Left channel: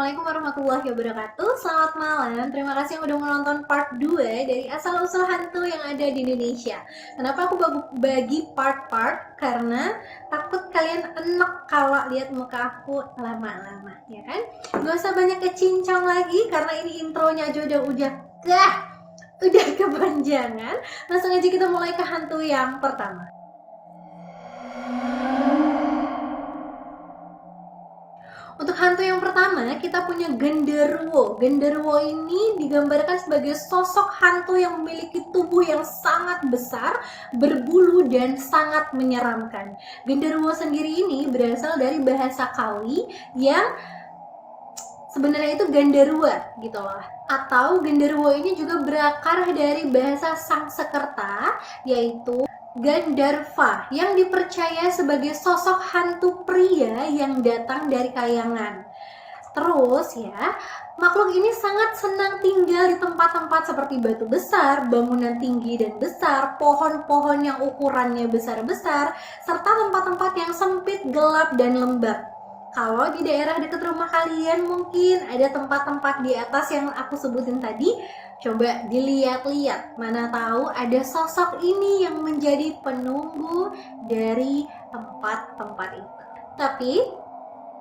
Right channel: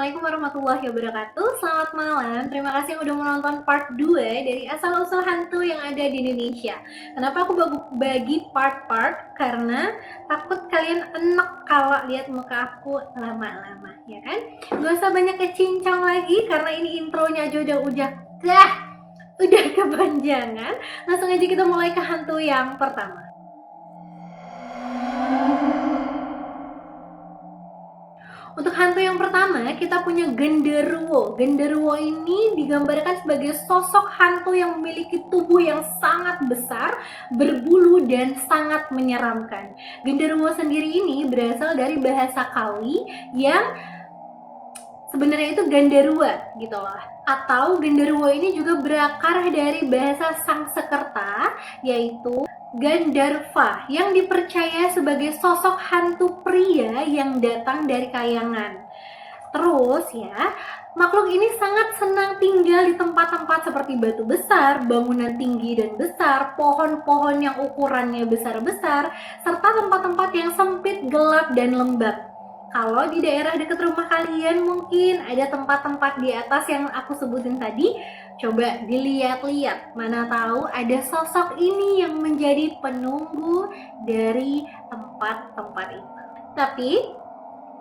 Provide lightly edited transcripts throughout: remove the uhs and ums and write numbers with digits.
Assalamualaikum warahmatullahi wabarakatuh. Selamat malam. Terima kasih yang udah menonton part 2 dari asal-usul hantu yang ada di Indonesia. Kenapa aku bagi part-part? Karena takut kalian enek kalau lihat muka aku lama-lama, ya kan? Gak usah banyak kecincang lagi karena ini intronya aja udah kepanjangan. Langsung aja kita mulai ke hantu yang pertama. Untuk hantu yang pertama, kita punya genderuwo. Genderuwo ini digambarkan sebagai sosok hantu yang memiliki tubuh yang sangat besar, berbulu, dan sangat menyeramkan. Genderuwo sendiri ini berasal dari bahasa Kawi yang sebenarnya itu gandarua gitu loh. Atau genderuwo ini juga berakar dari bahasa Sanskerta, yaitu Gandarva, yang dipercaya sebagai sosok hantu pria yang datang dari kayangan. Terus ya, makhluk ini sangat senang tinggal di tempat-tempat seperti batu besar, bangunan tinggi dan besar, pohon-pohon yang ukurannya besar-besar, serta tempat-tempat yang sempit, gelap, dan lembab. Kalau di daerah dekat rumah kalian mungkin ada tempat-tempat di atas yang aku sebutin tadi, coba dilihat-lihat, mana tahu ada sosok ini yang menjadi penunggu dari tempat-tempat itu. Tapi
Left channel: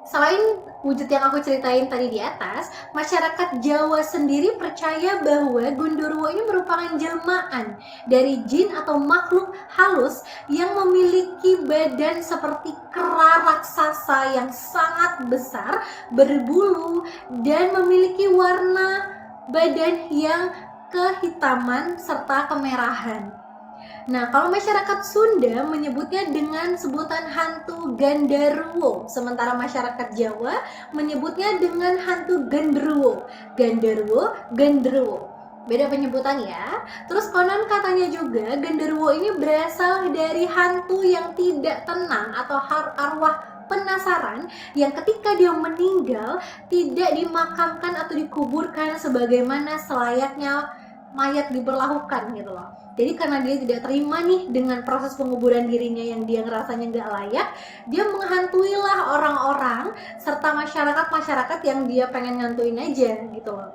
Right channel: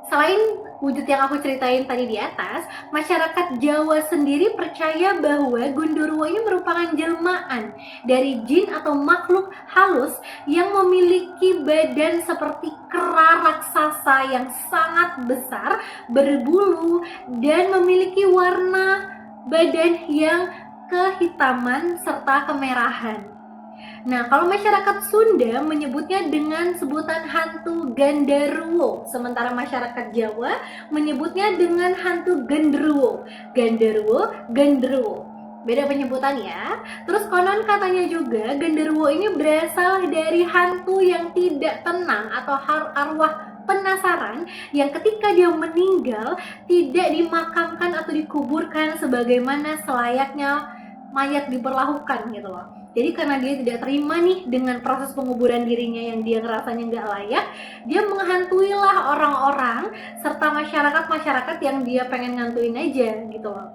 selain wujud yang aku ceritain tadi di atas, masyarakat Jawa sendiri percaya bahwa Gundurwo ini merupakan jelmaan dari jin atau makhluk halus yang memiliki badan seperti kera raksasa yang sangat besar, berbulu, dan memiliki warna badan yang kehitaman serta kemerahan. Nah, kalau masyarakat Sunda menyebutnya dengan sebutan hantu Gandarwo, sementara masyarakat Jawa menyebutnya dengan hantu Genderuwo. Gandarwo, Genderuwo. Beda penyebutan ya. Terus konon katanya juga Genderuwo ini berasal dari hantu yang tidak tenang atau arwah penasaran yang ketika dia meninggal tidak dimakamkan atau dikuburkan sebagaimana selayaknya mayat diperlakukan gitu loh. Jadi karena dia tidak terima nih dengan proses penguburan dirinya yang dia ngerasanya nggak layak, dia menghantuilah orang-orang serta masyarakat-masyarakat yang dia pengen ngantuin aja gitu loh.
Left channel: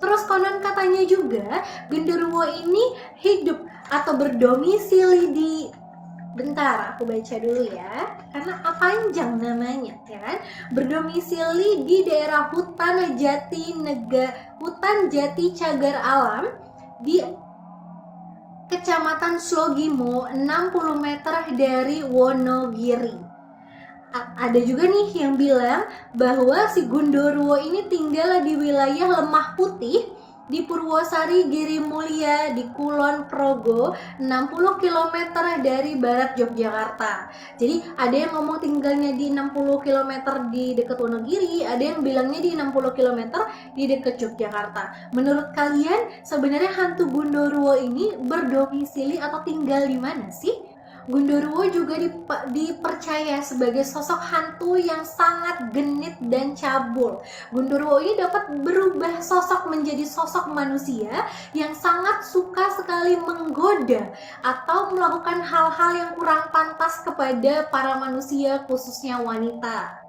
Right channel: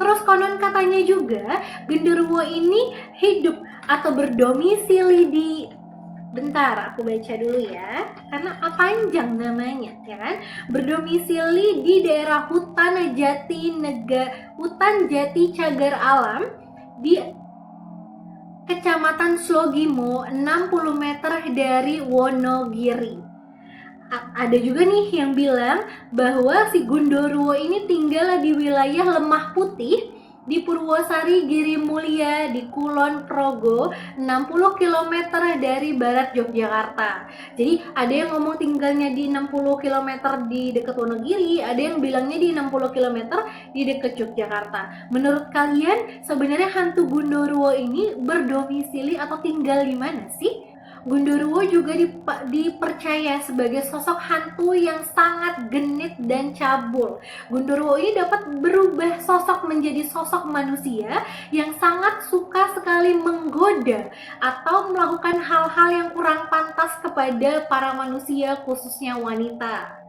Terus konon katanya juga genderuwo ini hidup atau berdomisili di, bentar aku baca dulu ya karena panjang namanya ya kan, berdomisili di daerah hutan jati cagar alam di Kecamatan Slogimo, 60 meter dari Wonogiri. Ada juga nih yang bilang bahwa si Gundurwo ini tinggal di wilayah Lemah Putih di Purwosari Giri Mulia di Kulon Progo, 60 km dari barat Yogyakarta. Jadi ada yang ngomong tinggalnya di 60 km di dekat Wonogiri, ada yang bilangnya di 60 km di dekat Yogyakarta. Menurut kalian sebenarnya hantu Gundurwo ini berdomisili atau tinggal di mana sih? Gundurwo juga dipercaya sebagai sosok hantu yang sangat genit dan cabul. Gundurwo ini dapat berubah sosok menjadi sosok manusia yang sangat suka sekali menggoda atau melakukan hal-hal yang kurang pantas kepada para manusia, khususnya wanita.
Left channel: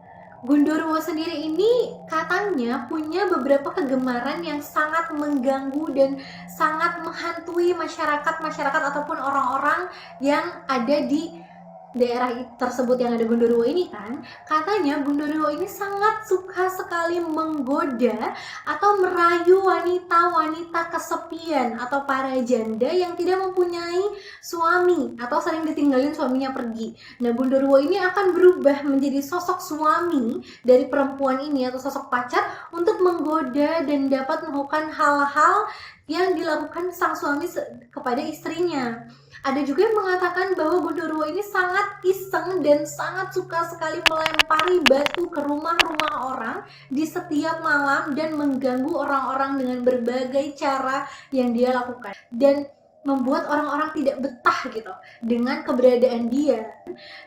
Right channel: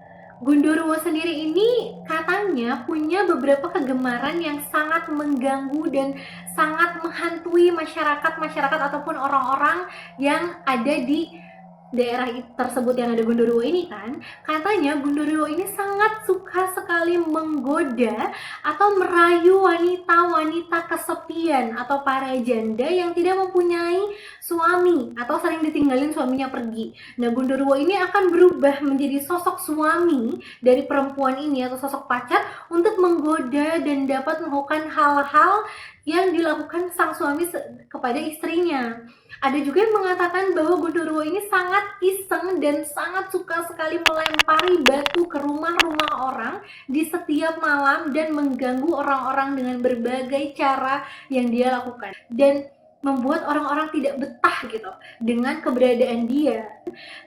Gundurwo sendiri ini katanya punya beberapa kegemaran yang sangat mengganggu dan sangat menghantui masyarakat ataupun orang-orang yang ada di daerah tersebut yang ada Gundurwo ini kan. Katanya Gundurwo ini sangat suka sekali menggoda atau merayu wanita-wanita kesepian atau para janda yang tidak mempunyai suami atau sering ditinggalin suaminya pergi. Nah, Gundurwo ini akan berubah menjadi sosok suami dari perempuan ini atau sosok pacar untuk menggoda dan dapat melakukan hal-hal yang dilakukan sang suami kepada istrinya. Ada juga yang mengatakan bahwa Gundurwo ini sangat iseng dan sangat suka sekali melempari batu ke rumah-rumah orang di setiap malam dan mengganggu orang-orang dengan berbagai cara yang dia lakukan dan membuat orang-orang tidak betah gitu dengan keberadaan dia.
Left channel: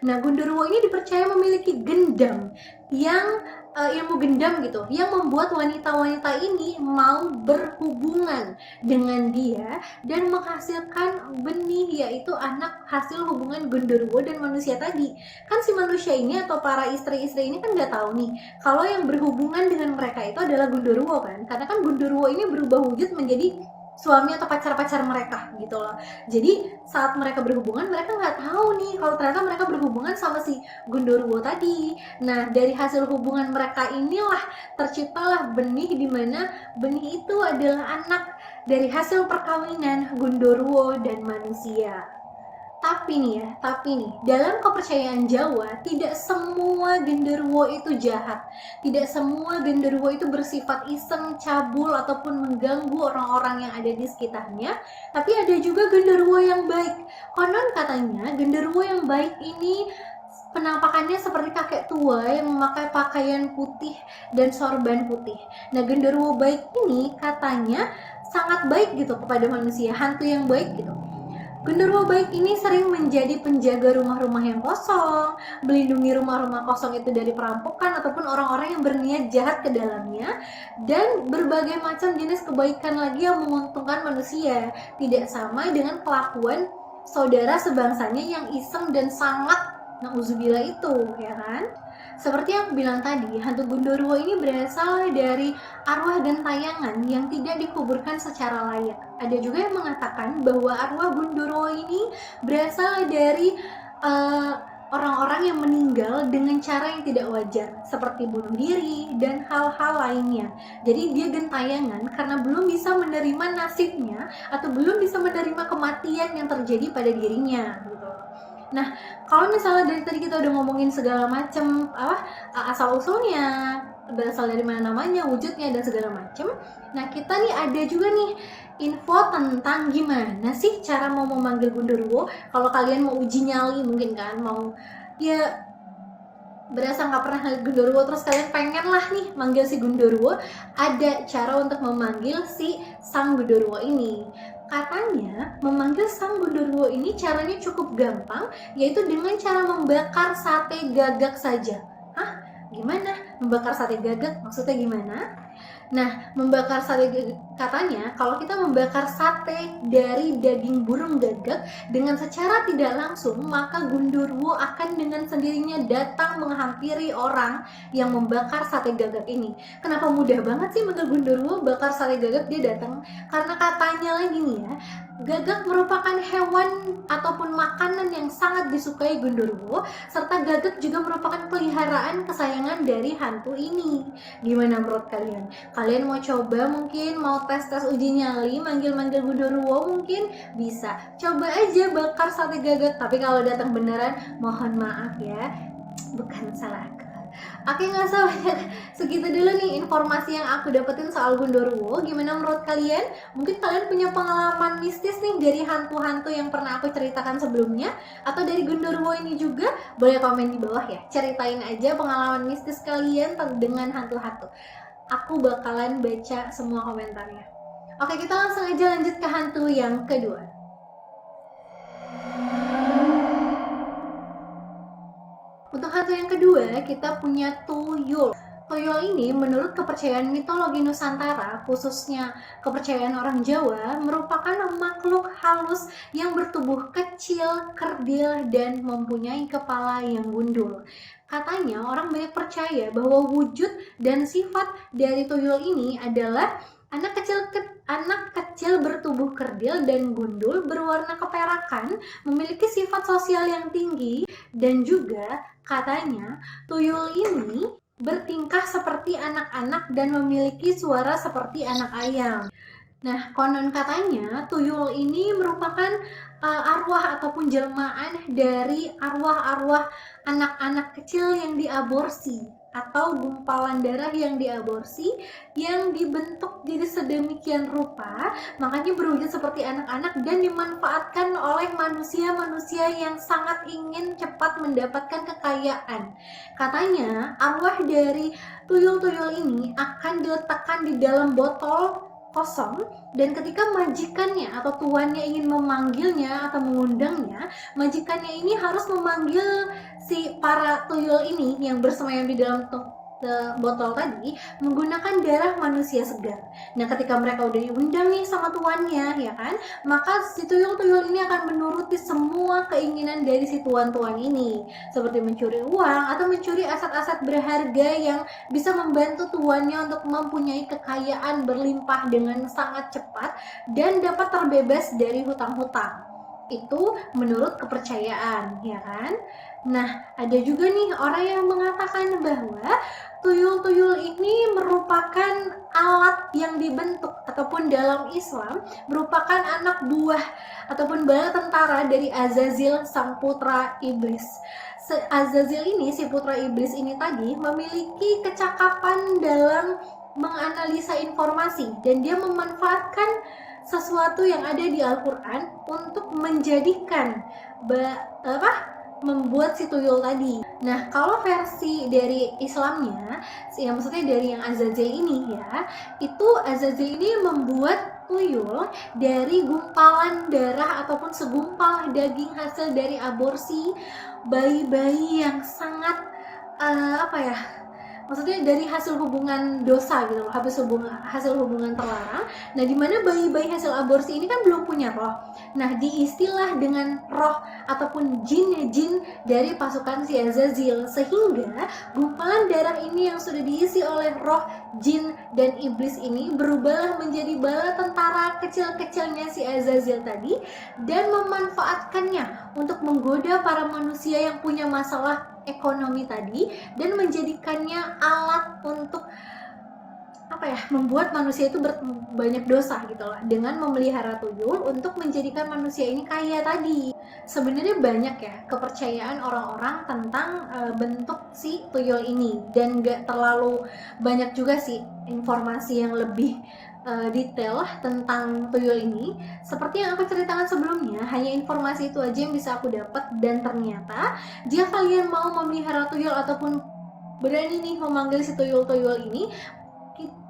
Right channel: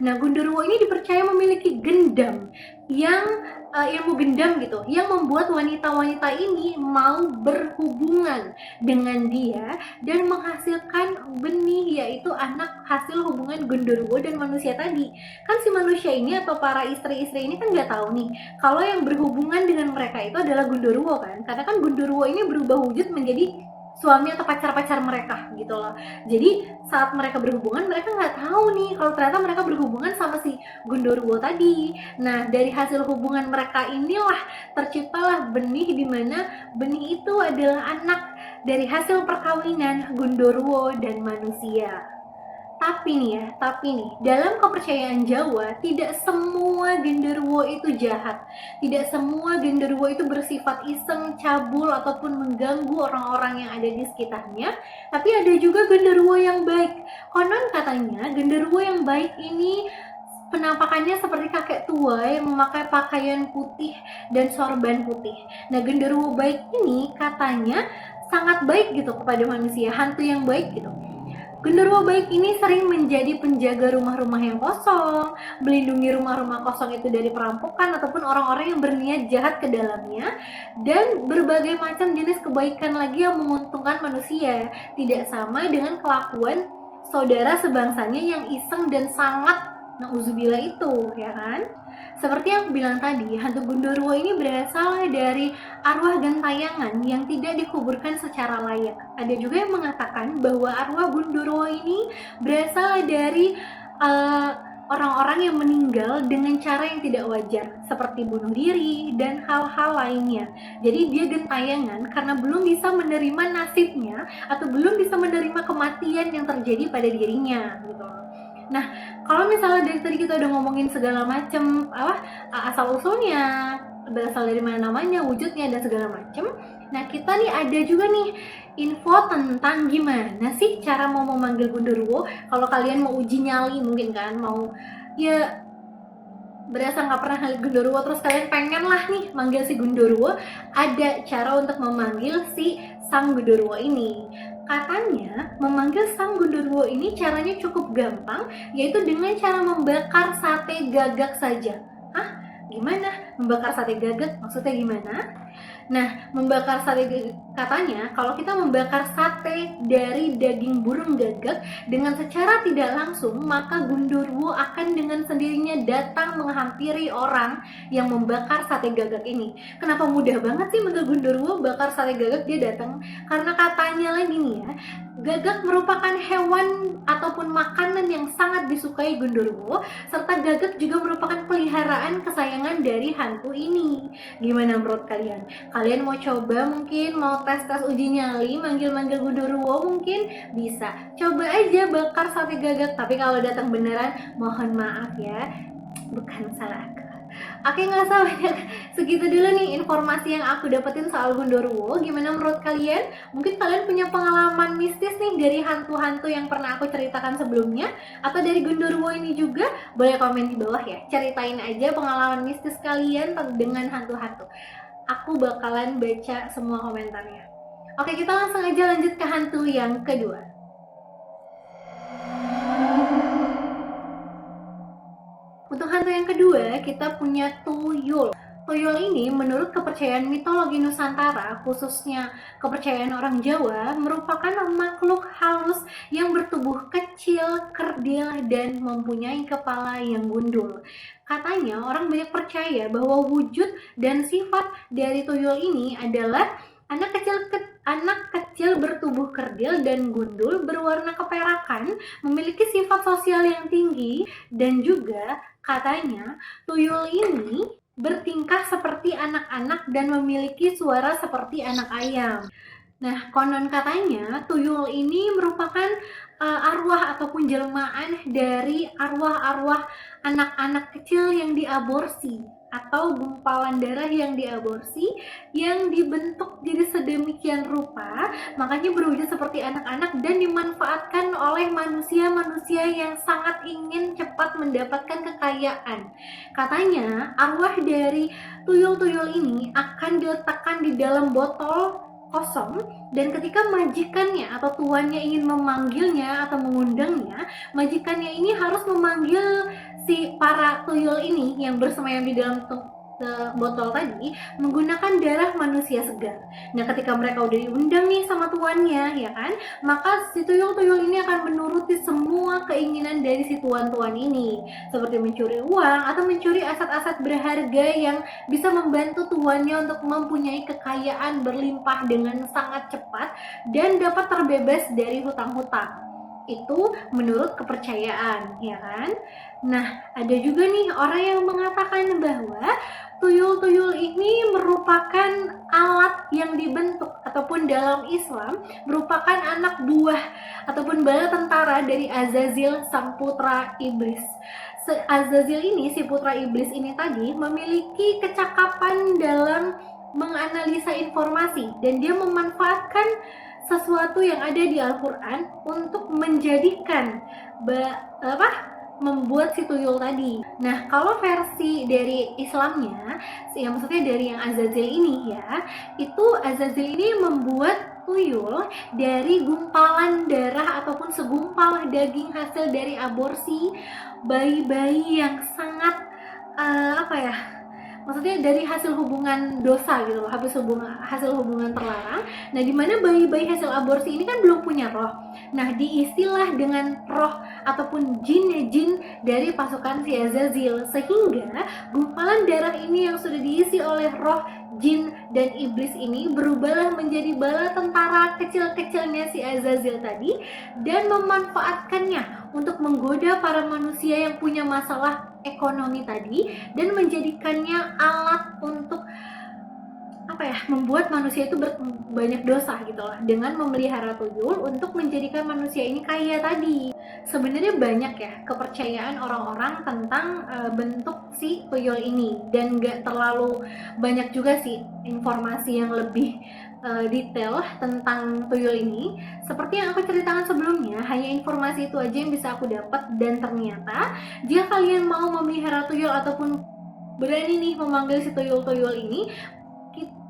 Nah, Gundurwo ini dipercaya memiliki gendam yang ilmu gendam gitu, yang membuat wanita-wanita ini mau berhubungan dengan dia dan menghasilkan benih, yaitu anak hasil hubungan genderuwo dan manusia tadi. Kan si manusia ini atau para istri-istri ini kan nggak tahu nih kalau yang berhubungan dengan mereka itu adalah genderuwo kan, karena kan genderuwo ini berubah wujud menjadi suami atau pacar-pacar mereka gitu loh. Jadi saat mereka berhubungan, mereka nggak tahu nih kalau ternyata mereka berhubungan sama si genderuwo tadi. Nah, dari hasil hubungan mereka inilah terciptalah benih, di mana benih itu adalah anak dari hasil perkawinan genderuwo dan manusia. Tapi nih, dalam kepercayaan Jawa, tidak semua genderuwo itu jahat. Tidak semua genderuwo itu bersifat iseng, cabul, ataupun mengganggu orang-orang yang ada di sekitarnya. Tapi ada juga genderuwo yang baik. Konon katanya, genderuwo yang baik ini penampakannya seperti kakek tua yang memakai pakaian putih dan sorban putih. Nah, genderuwo baik ini katanya sangat baik gitu kepada manusia, hantu yang baik gitu. Genderuwo baik ini sering menjadi penjaga rumah-rumah yang kosong, melindungi rumah-rumah kosong itu dari perampokan ataupun orang-orang yang berniat jahat ke dalamnya, dan berbagai macam jenis kebaikan lagi yang menguntungkan manusia. Tidak sama dengan kelakuan saudara sebangsanya yang iseng dan sangat nauzubillah itu, ya kan? Seperti yang aku bilang tadi, hantu genderuwo ini berasal dari arwah gentayangan yang tidak dikuburkan secara layak. Ada juga yang mengatakan bahwa arwah genderuwo ini berasal dari uh, orang-orang yang meninggal dengan cara yang tidak wajar, seperti bunuh diri dan hal-hal lainnya. Jadi dia gentayangan karena belum bisa menerima nasibnya atau belum bisa menerima kematian yang terjadi pada dirinya. Gitu. Nah, kalau misalnya dari tadi kita udah ngomongin segala macam asal usulnya, berasal dari mana namanya, wujudnya dan segala macam. Nah, kita nih ada juga nih info tentang gimana sih cara mau memanggil genderuwo. Kalau kalian mau uji nyali mungkin kan, mau ya berasa nggak pernah ngeliat genderuwo terus kalian pengen lah nih manggil si genderuwo, ada cara untuk memanggil si sang genderuwo ini. Katanya memanggil sang genderuwo ini caranya cukup gampang, yaitu dengan cara membakar sate gagak saja. Hah? Gimana? Membakar sate gagak? Maksudnya gimana? Nah, membakar sate gagak, katanya kalau kita membakar sate dari daging burung gagak dengan secara tidak langsung, maka genderuwo akan dengan sendirinya datang menghampiri orang yang membakar sate gagak ini. Kenapa mudah banget sih manggil genderuwo bakar sate gagak dia datang? Karena katanya lagi nih ya, gagak merupakan hewan ataupun makanan yang sangat disukai genderuwo, serta gagak juga merupakan peliharaan kesayangan dari hantu ini. Gimana menurut kalian? Kalian mau coba mungkin, mau tes-tes uji nyali, manggil-manggil genderuwo mungkin bisa. Coba aja bakar sate gagak, tapi kalau datang beneran, mohon maaf ya, bukan salahku. Oke, nggak usah banyak, segitu dulu nih informasi yang aku dapetin soal genderuwo. Gimana menurut kalian? Mungkin kalian punya pengalaman mistis nih dari hantu-hantu yang pernah aku ceritakan sebelumnya, atau dari genderuwo ini juga? Boleh komen di bawah ya, ceritain aja pengalaman mistis kalian dengan hantu-hantu. Aku bakalan baca semua komentarnya. Oke, kita langsung aja lanjut ke hantu yang kedua. Untuk hantu yang kedua, kita punya tuyul. Tuyul ini menurut kepercayaan mitologi Nusantara, khususnya kepercayaan orang Jawa, merupakan makhluk halus yang bertubuh kecil, kerdil, dan mempunyai kepala yang gundul. Katanya orang banyak percaya bahwa wujud dan sifat dari tuyul ini adalah anak kecil bertubuh kerdil dan gundul, berwarna keperakan, memiliki sifat sosial yang tinggi, dan juga katanya tuyul ini bertingkah seperti anak-anak dan memiliki suara seperti anak ayam. Nah, konon katanya tuyul ini merupakan arwah ataupun jelmaan dari arwah-arwah anak-anak kecil yang diaborsi atau gumpalan darah yang diaborsi, yang dibentuk diri sedemikian rupa, makanya berwujud seperti anak-anak dan dimanfaatkan oleh manusia-manusia yang sangat ingin cepat mendapatkan kekayaan. Katanya arwah dari tuyul-tuyul ini akan diletakkan di dalam botol kosong, dan ketika majikannya atau tuannya ingin memanggilnya atau mengundangnya, majikannya ini harus memanggil si para tuyul ini yang bersemayam di dalam botol tadi menggunakan darah manusia segar. Nah, ketika mereka udah diundang nih sama tuannya, ya kan, maka si tuyul-tuyul ini akan menuruti semua keinginan dari si tuan-tuan ini, seperti mencuri uang atau mencuri aset-aset berharga yang bisa membantu tuannya untuk mempunyai kekayaan berlimpah dengan sangat cepat dan dapat terbebas dari hutang-hutang. Itu menurut kepercayaan, ya kan? Nah, ada juga nih orang yang mengatakan bahwa tuyul-tuyul ini merupakan alat yang dibentuk ataupun dalam Islam merupakan anak buah ataupun bala tentara dari Azazil sang putra iblis. Azazil ini, si putra iblis ini tadi memiliki kecakapan dalam menganalisa informasi dan dia memanfaatkan sesuatu yang ada di Al-Quran untuk menjadikan membuat si tuyul tadi. Nah, kalau versi dari Islamnya, yang maksudnya dari yang Azazil ini ya, itu Azazil ini membuat tuyul dari gumpalan darah ataupun segumpal daging hasil dari aborsi bayi-bayi yang sangat maksudnya dari hasil hubungan dosa gitu loh, hasil hubungan terlarang. Nah, dimana bayi-bayi hasil aborsi ini kan belum punya roh. Nah, diistilah dengan roh ataupun jin dari pasukan si Azazil, sehingga gumpalan darah ini yang sudah diisi oleh roh jin dan iblis ini berubah menjadi bala tentara kecil-kecilnya si Azazil tadi dan memanfaatkannya untuk menggoda para manusia yang punya masalah ekonomi tadi dan menjadikannya alat untuk membuat manusia itu banyak dosa gitu loh, dengan memelihara tuyul untuk menjadikan manusia ini kaya tadi. Sebenarnya banyak ya kepercayaan orang-orang tentang bentuk si tuyul ini, dan gak terlalu banyak juga sih informasi yang lebih detail tentang tuyul ini. Seperti yang aku ceritakan sebelumnya, hanya informasi itu aja yang bisa aku dapat, dan ternyata jika kalian mau memelihara tuyul ataupun berani nih memanggil si tuyul-tuyul ini,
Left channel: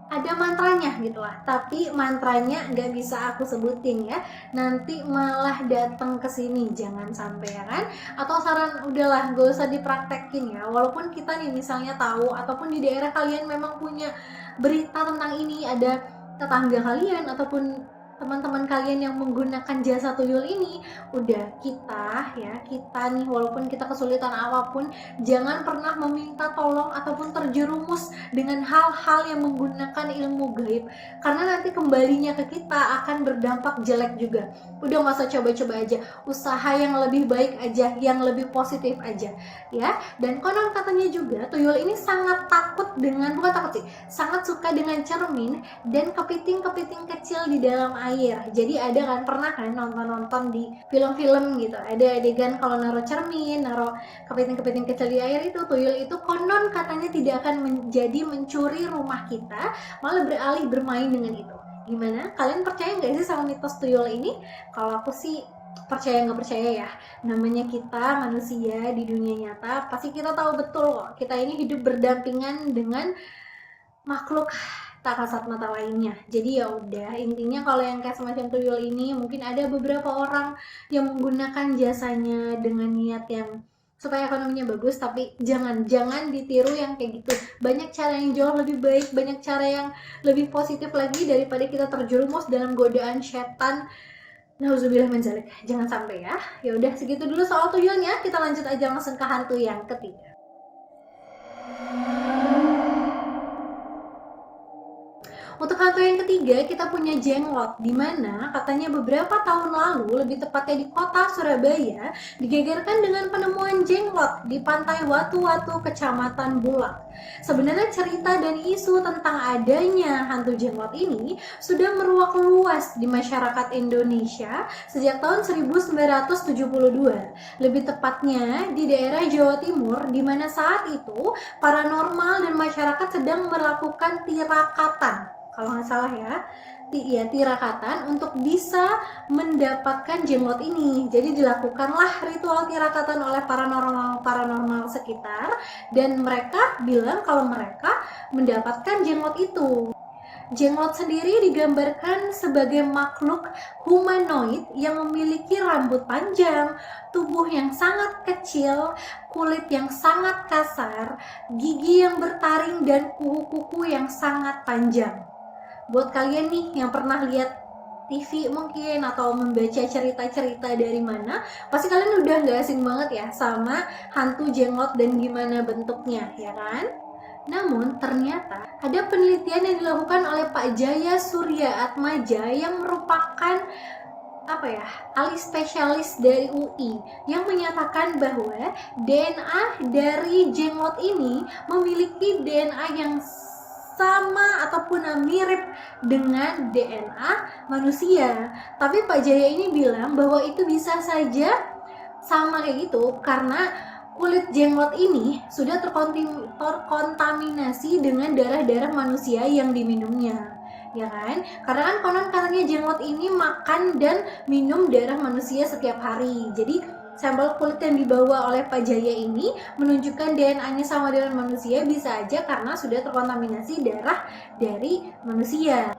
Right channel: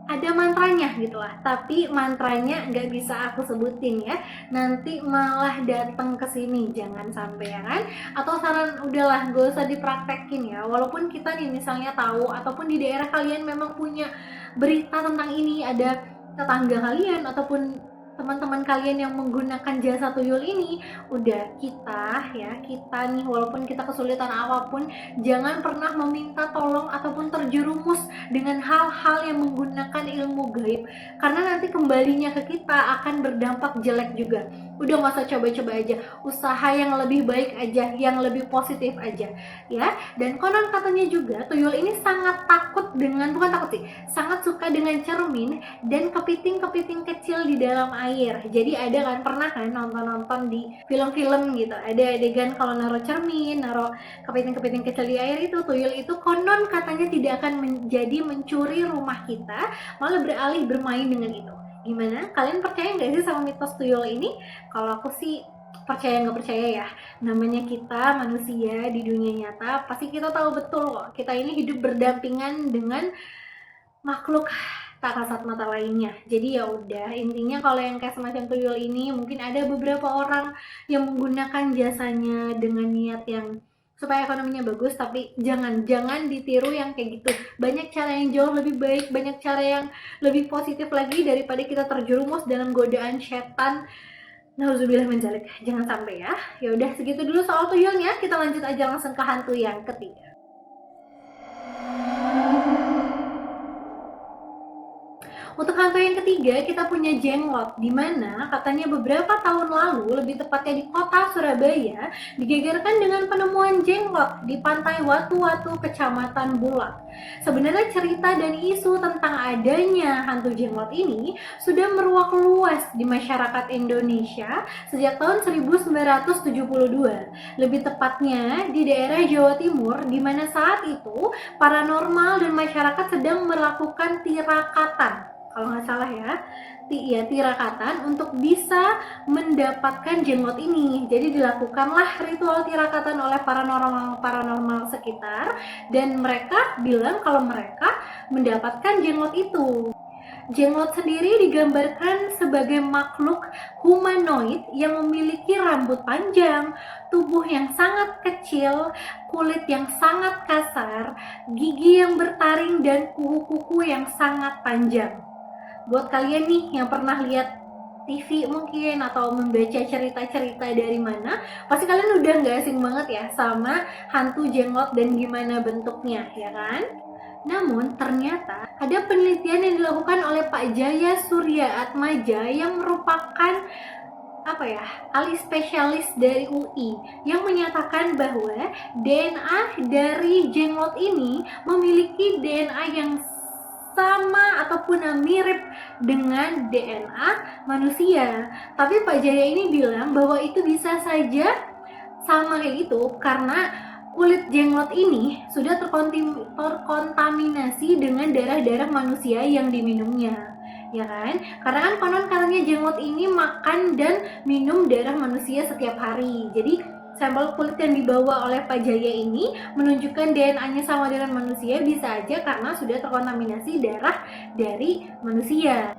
ada mantranya gitu lah, tapi mantranya nggak bisa aku sebutin ya, nanti malah datang ke sini, jangan sampai ya kan. Atau saran, udahlah gak usah dipraktekin ya, walaupun kita nih misalnya tahu ataupun di daerah kalian memang punya berita tentang ini, ada tetangga kalian ataupun teman-teman kalian yang menggunakan jasa tuyul ini, udah kita nih walaupun kita kesulitan apapun, jangan pernah meminta tolong ataupun terjerumus dengan hal-hal yang menggunakan ilmu gaib, karena nanti kembalinya ke kita akan berdampak jelek juga. Udah gak usah coba-coba aja, usaha yang lebih baik aja, yang lebih positif aja ya. Dan konon katanya juga tuyul ini sangat takut dengan, bukan takut sih, sangat suka dengan cermin dan kepiting-kepiting kecil di dalam air. Jadi ada kan, pernah kan nonton di film-film gitu, ada adegan kalau naruh cermin, naruh kepiting-kepiting kecil di air, itu tuyul itu konon katanya tidak akan menjadi mencuri rumah kita, malah beralih bermain dengan itu. Gimana? Kalian percaya nggak sih sama mitos tuyul ini? Kalau aku sih percaya nggak percaya ya, namanya kita manusia di dunia nyata, pasti kita tahu betul kok kita ini hidup berdampingan dengan makhluk tak kasat mata lainnya. Jadi ya udah, intinya kalau yang kayak semacam tuyul ini, mungkin ada beberapa orang yang menggunakan jasanya dengan niat yang supaya ekonominya bagus, tapi jangan ditiru yang kayak gitu. Banyak cara yang jauh lebih baik, banyak cara yang lebih positif lagi daripada kita terjerumus dalam godaan setan. Nauzubillah min dzalik. Jangan sampai ya. Ya udah, segitu dulu soal tuyulnya. Kita lanjut aja langsung ke hantu yang ketiga. Untuk hantu yang ketiga, kita punya jenglot, di mana katanya beberapa tahun lalu, lebih tepatnya di kota Surabaya, digegerkan dengan penemuan jenglot di pantai Watu-Watu, Kecamatan Bulak. Sebenarnya cerita dan isu tentang adanya hantu jenglot ini sudah meruak luas di masyarakat Indonesia sejak tahun 1972. Lebih tepatnya di daerah Jawa Timur, di mana saat itu paranormal dan masyarakat sedang melakukan tirakatan, kalau nggak salah ya, tirakatan untuk bisa mendapatkan jenglot ini. Jadi dilakukanlah ritual tirakatan oleh paranormal sekitar, dan mereka bilang kalau mereka mendapatkan jenglot itu. Jenglot sendiri digambarkan sebagai makhluk humanoid yang memiliki rambut panjang, tubuh yang sangat kecil, kulit yang sangat kasar, gigi yang bertaring, dan kuku-kuku yang sangat panjang. Buat kalian nih yang pernah lihat TV mungkin atau membaca cerita-cerita dari mana, pasti kalian udah gak asing banget ya sama hantu jenglot dan gimana bentuknya, ya kan? Namun ternyata ada penelitian yang dilakukan oleh Pak Jaya Surya Atmaja yang merupakan ahli spesialis dari UI yang menyatakan bahwa DNA dari jenglot ini memiliki DNA yang sama ataupun mirip dengan DNA manusia. Tapi Pak Jaya ini bilang bahwa itu bisa saja sama kayak gitu karena kulit jenglot ini sudah terkontaminasi dengan darah-darah manusia yang diminumnya, ya kan? Karena kan konon katanya jenglot ini makan dan minum darah manusia setiap hari. Jadi sampel kulit yang dibawa oleh Pak Jaya ini menunjukkan DNA-nya sama dengan manusia, bisa aja karena sudah terkontaminasi darah dari manusia.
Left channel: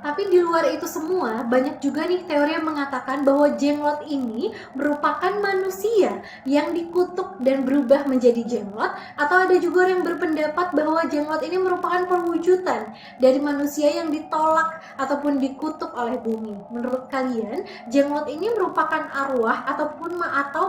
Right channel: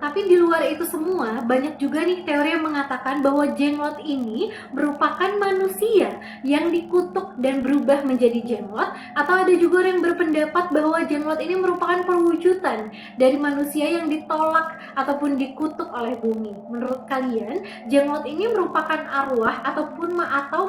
Tapi di luar itu semua, banyak juga nih teori yang mengatakan bahwa jenglot ini merupakan manusia yang dikutuk dan berubah menjadi jenglot, atau ada juga yang berpendapat bahwa jenglot ini merupakan perwujudan dari manusia yang ditolak ataupun dikutuk oleh bumi. Menurut kalian, jenglot ini merupakan arwah atau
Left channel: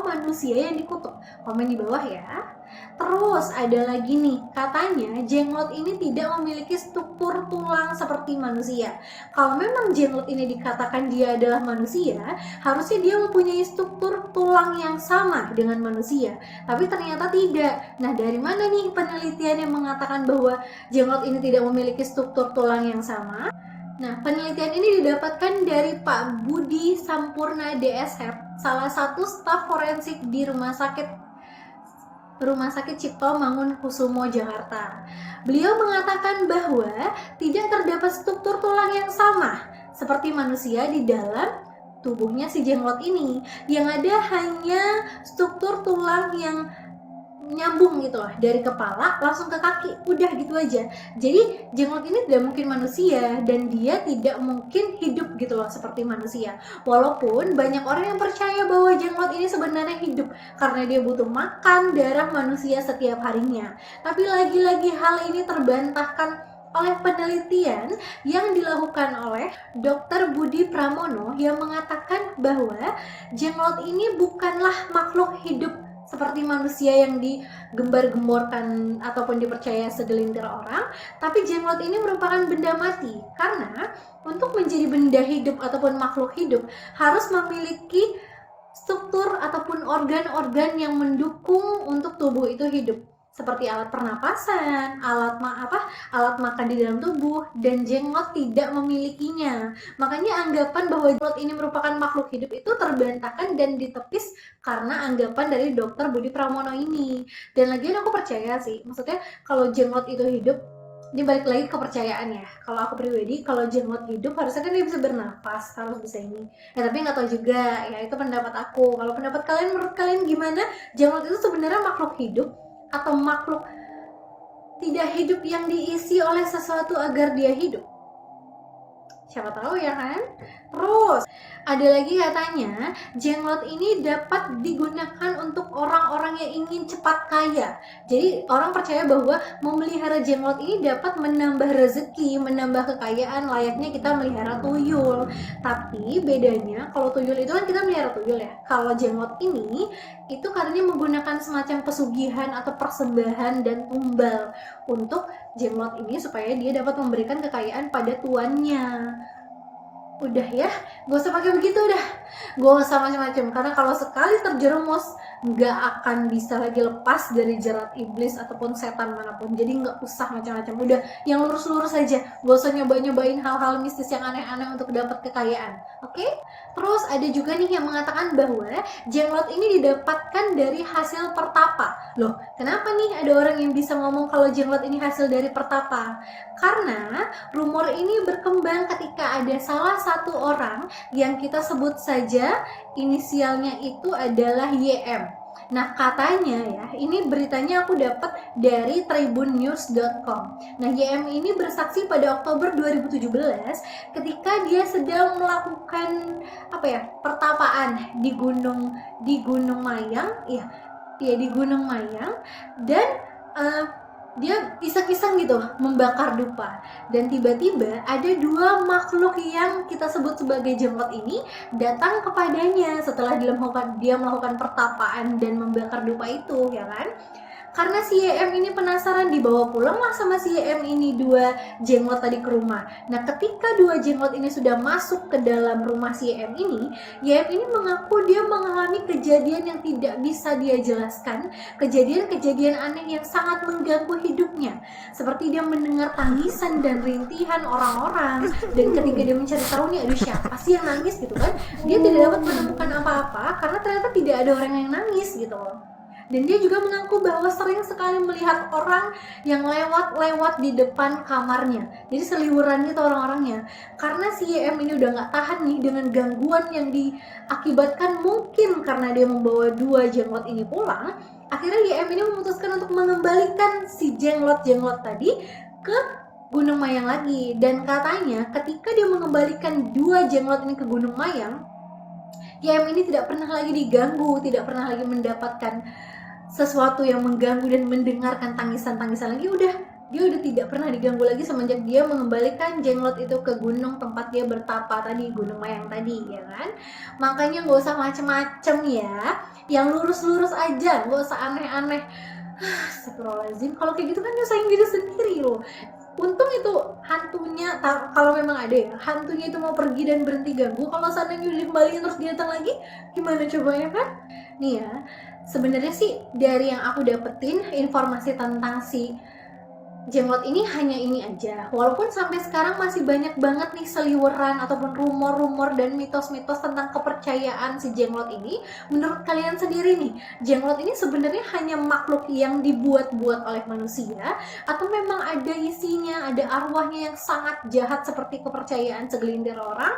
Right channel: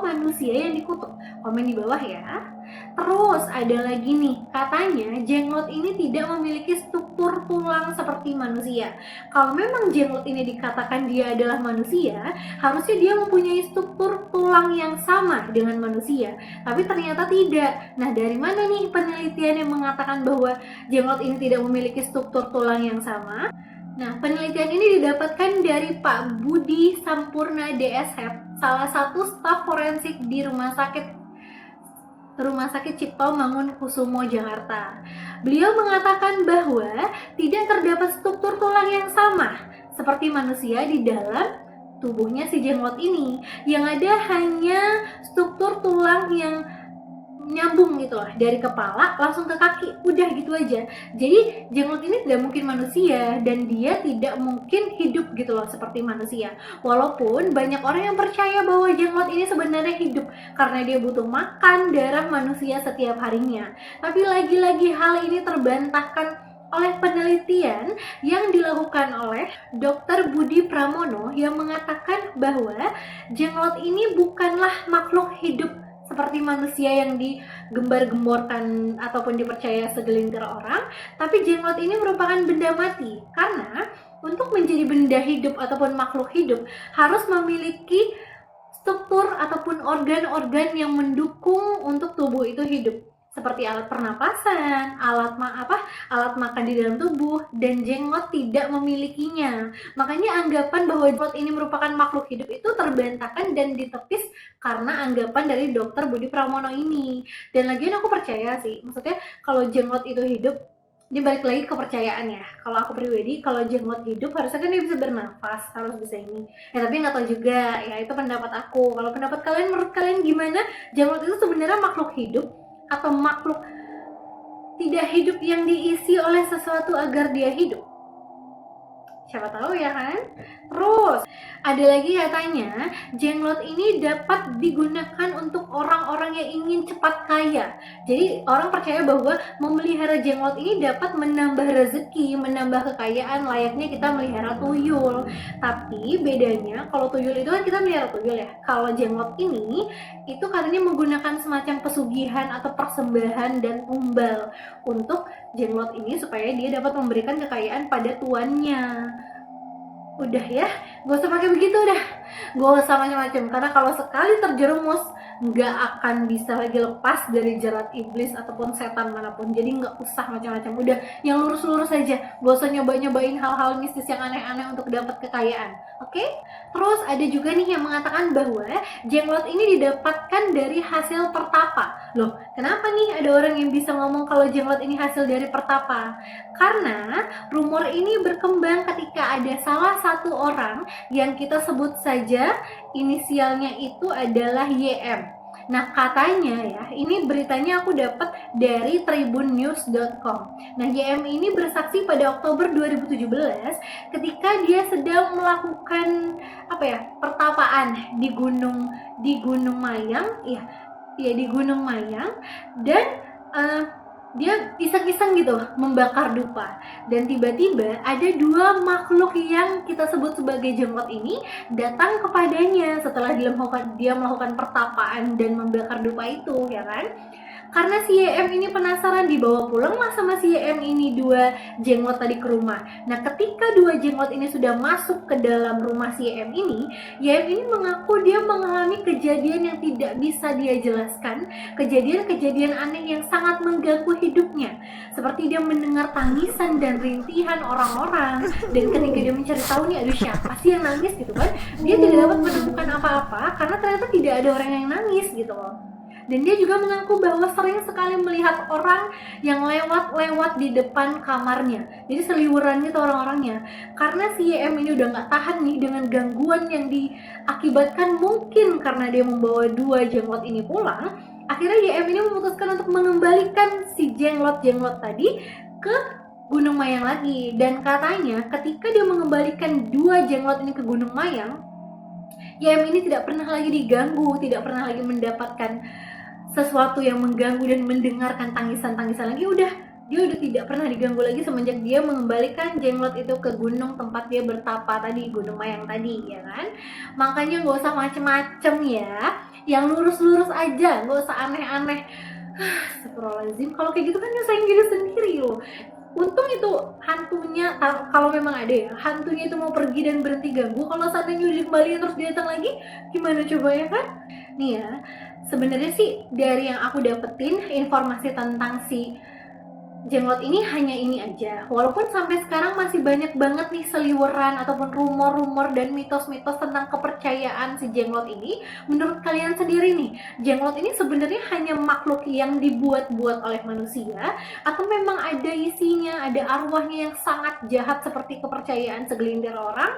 manusia yang dikutuk? Komen di bawah ya. Terus ada lagi nih, katanya jenglot ini tidak memiliki struktur tulang seperti manusia. Kalau memang jenglot ini dikatakan dia adalah manusia, harusnya dia mempunyai struktur tulang yang sama dengan manusia. Tapi ternyata tidak. Nah, dari mana nih penelitian yang mengatakan bahwa jenglot ini tidak memiliki struktur tulang yang sama? Nah, penelitian ini didapatkan dari Pak Budi Sampurna DSF, salah satu staf forensik di Rumah Sakit Cipto Mangunkusumo, Jakarta. Beliau mengatakan bahwa tidak terdapat struktur tulang yang sama seperti manusia di dalam tubuhnya si jenglot ini. Yang ada hanya struktur tulang yang nyambung gitu lah, dari kepala langsung ke kaki, udah gitu aja. Jadi jenglot ini tidak mungkin manusia dan dia tidak mungkin hidup gitu loh seperti manusia. Walaupun banyak orang yang percaya bahwa jenglot ini sebenarnya hidup karena dia butuh makan darah manusia setiap harinya. Tapi lagi-lagi hal ini terbantahkan oleh penelitian yang dilakukan oleh Dr. Budi Pramono yang mengatakan bahwa jenglot ini bukanlah makhluk hidup seperti manusia yang digembar-gemborkan ataupun dipercaya segelintir orang, tapi jenglot ini merupakan benda mati karena untuk menjadi benda hidup ataupun makhluk hidup harus memiliki struktur ataupun organ-organ yang mendukung untuk tubuh itu hidup, seperti alat pernapasan, alat makan di dalam tubuh, dan jenglot tidak memilikinya. Makanya anggapan bahwa jenglot ini merupakan makhluk hidup itu terbantahkan dan ditepis karena anggapan dari Dr. Budi Pramono ini. Dan lagian aku percaya sih, maksudnya kalau jenglot itu hidup, dia balik lagi kepercayaan ya. Kalau aku pribadi, kalau jenglot hidup harusnya kan dia bisa bernafas, harus bisa ini. Ya tapi nggak tahu juga, ya itu pendapat aku. Kalau pendapat kalian, menurut kalian gimana? Jenglot itu sebenarnya makhluk hidup atau makhluk tidak hidup yang diisi oleh sesuatu agar dia hidup? Siapa tahu ya kan? Terus ada lagi katanya jenglot ini dapat digunakan untuk orang-orang yang ingin cepat kaya. Jadi orang percaya bahwa memelihara jenglot ini dapat menambah rezeki, menambah kekayaan layaknya kita melihara tuyul. Tapi bedanya kalau tuyul itu kan kita melihara tuyul ya. Kalau jenglot ini itu katanya menggunakan semacam pesugihan atau persembahan dan umbal untuk jenglot ini supaya dia dapat memberikan kekayaan pada tuannya. Udah ya, gak usah pakai begitu dah, gak usah macam-macam, karena kalau sekali terjerumus nggak akan bisa lagi lepas dari jerat iblis ataupun setan manapun. Jadi nggak usah macam-macam, udah yang lurus-lurus aja, gak usah nyobain hal-hal mistis yang aneh-aneh untuk dapat kekayaan. Oke? Terus ada juga nih yang mengatakan bahwa jenglot ini didapatkan dari hasil pertapa. Loh, kenapa nih ada orang yang bisa ngomong kalau jenglot ini hasil dari pertapa? Karena rumor ini berkembang ketika ada salah satu orang yang kita sebut saja inisialnya itu adalah YM. Nah, katanya ya, ini beritanya aku dapat dari tribunnews.com. Nah, JM ini bersaksi pada Oktober 2017 ketika dia sedang melakukan pertapaan di Gunung Mayang, di Gunung Mayang, dan uh, dia iseng-iseng gitu membakar dupa, dan tiba-tiba ada dua makhluk yang kita sebut sebagai jenglot ini datang kepadanya setelah dia melakukan pertapaan dan membakar dupa itu, ya kan? Karena si YM ini penasaran, dibawa pulang lah sama si YM ini dua jenglot tadi ke rumah. Nah, ketika dua jenglot ini sudah masuk ke dalam rumah si YM ini mengaku dia mengalami kejadian yang tidak bisa dia jelaskan, kejadian-kejadian aneh yang sangat mengganggu hidupnya. Seperti dia mendengar tangisan dan rintihan orang-orang, dan ketika dia mencari tahu nih, aduh siapa sih yang nangis gitu kan, dia tidak dapat menemukan apa-apa karena ternyata tidak ada orang yang nangis gitu loh. Dan dia juga mengaku bahwa sering sekali melihat orang yang lewat-lewat di depan kamarnya. Jadi seliweran gitu orang-orangnya. Karena si YM ini udah gak tahan nih dengan gangguan yang diakibatkan mungkin karena dia membawa dua jenglot ini pulang. Akhirnya YM ini memutuskan untuk mengembalikan si jenglot-jenglot tadi ke Gunung Mayang lagi. Dan katanya ketika dia mengembalikan dua jenglot ini ke Gunung Mayang, YM ini tidak pernah lagi diganggu, tidak pernah lagi mendapatkan sesuatu yang mengganggu dan mendengarkan tangisan-tangisan lagi. Dia udah tidak pernah diganggu lagi semenjak dia mengembalikan jenglot itu ke gunung tempat dia bertapa tadi, Gunung Mayang tadi, ya kan? Makanya gak usah macem-macem ya, yang lurus-lurus aja, gak usah aneh-aneh. Astagfirullahaladzim, kalau kayak gitu kan nyusahin diri sendiri loh. Untung itu hantunya, kalau memang ada ya, hantunya itu mau pergi dan berhenti ganggu. Kalau seandainya udah dikembaliin terus dia datang lagi, gimana coba ya kan? Nih ya, sebenarnya sih dari yang aku dapetin informasi tentang si jenglot ini hanya ini aja. Walaupun sampai sekarang masih banyak banget nih seliweran ataupun rumor-rumor dan mitos-mitos tentang kepercayaan si jenglot ini. Menurut kalian sendiri nih, jenglot ini sebenarnya hanya makhluk yang dibuat-buat oleh manusia, atau memang ada isinya, ada arwahnya yang sangat jahat seperti kepercayaan segelintir orang?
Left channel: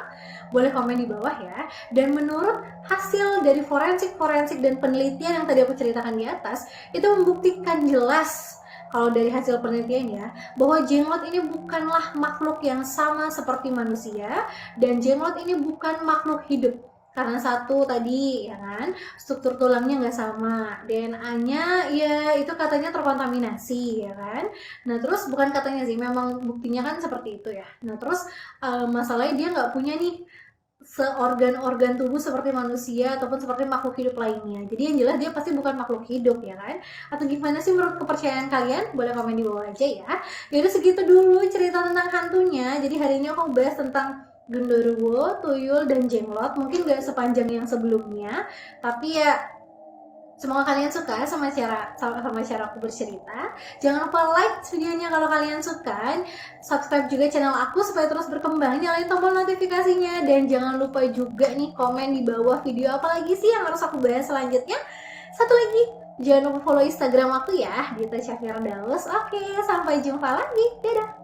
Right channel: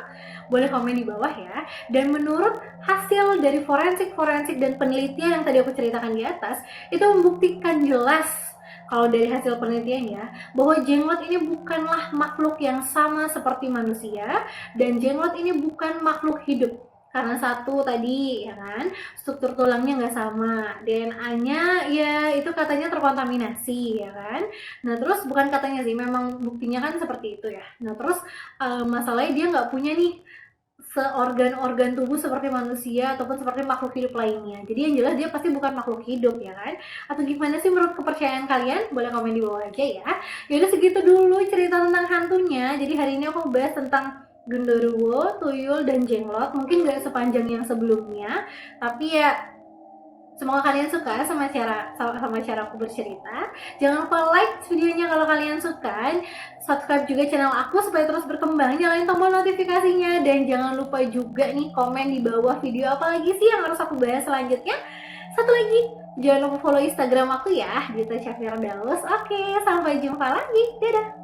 Boleh komen di bawah ya. Dan menurut hasil dari forensik dan penelitian yang tadi aku ceritakan di atas, itu membuktikan jelas kalau dari hasil penelitiannya bahwa jenglot ini bukanlah makhluk yang sama seperti manusia, dan jenglot ini bukan makhluk hidup. Karena satu tadi ya kan, struktur tulangnya nggak sama, DNA-nya ya itu katanya terkontaminasi ya kan. Nah terus bukan katanya sih, memang buktinya kan seperti itu ya. Nah terus masalahnya dia nggak punya nih seorgan-organ tubuh seperti manusia ataupun seperti makhluk hidup lainnya. Jadi yang jelas dia pasti bukan makhluk hidup ya kan. Atau gimana sih menurut kepercayaan kalian? Boleh komen di bawah aja ya. Yaudah segitu dulu cerita tentang hantunya. Jadi hari ini aku bahas tentang genderuwo, tuyul, dan jenglot. Mungkin gak sepanjang yang sebelumnya, tapi ya semoga kalian suka sama cara aku bercerita. Jangan lupa like videonya kalau kalian suka. Subscribe juga channel aku supaya terus berkembang. Nyalain tombol notifikasinya. Dan jangan lupa juga nih komen di bawah video apa lagi sih yang harus aku bahas selanjutnya. Satu lagi, jangan lupa follow Instagram aku ya, Gita Syafira Daus. Oke, sampai jumpa lagi. Dadah.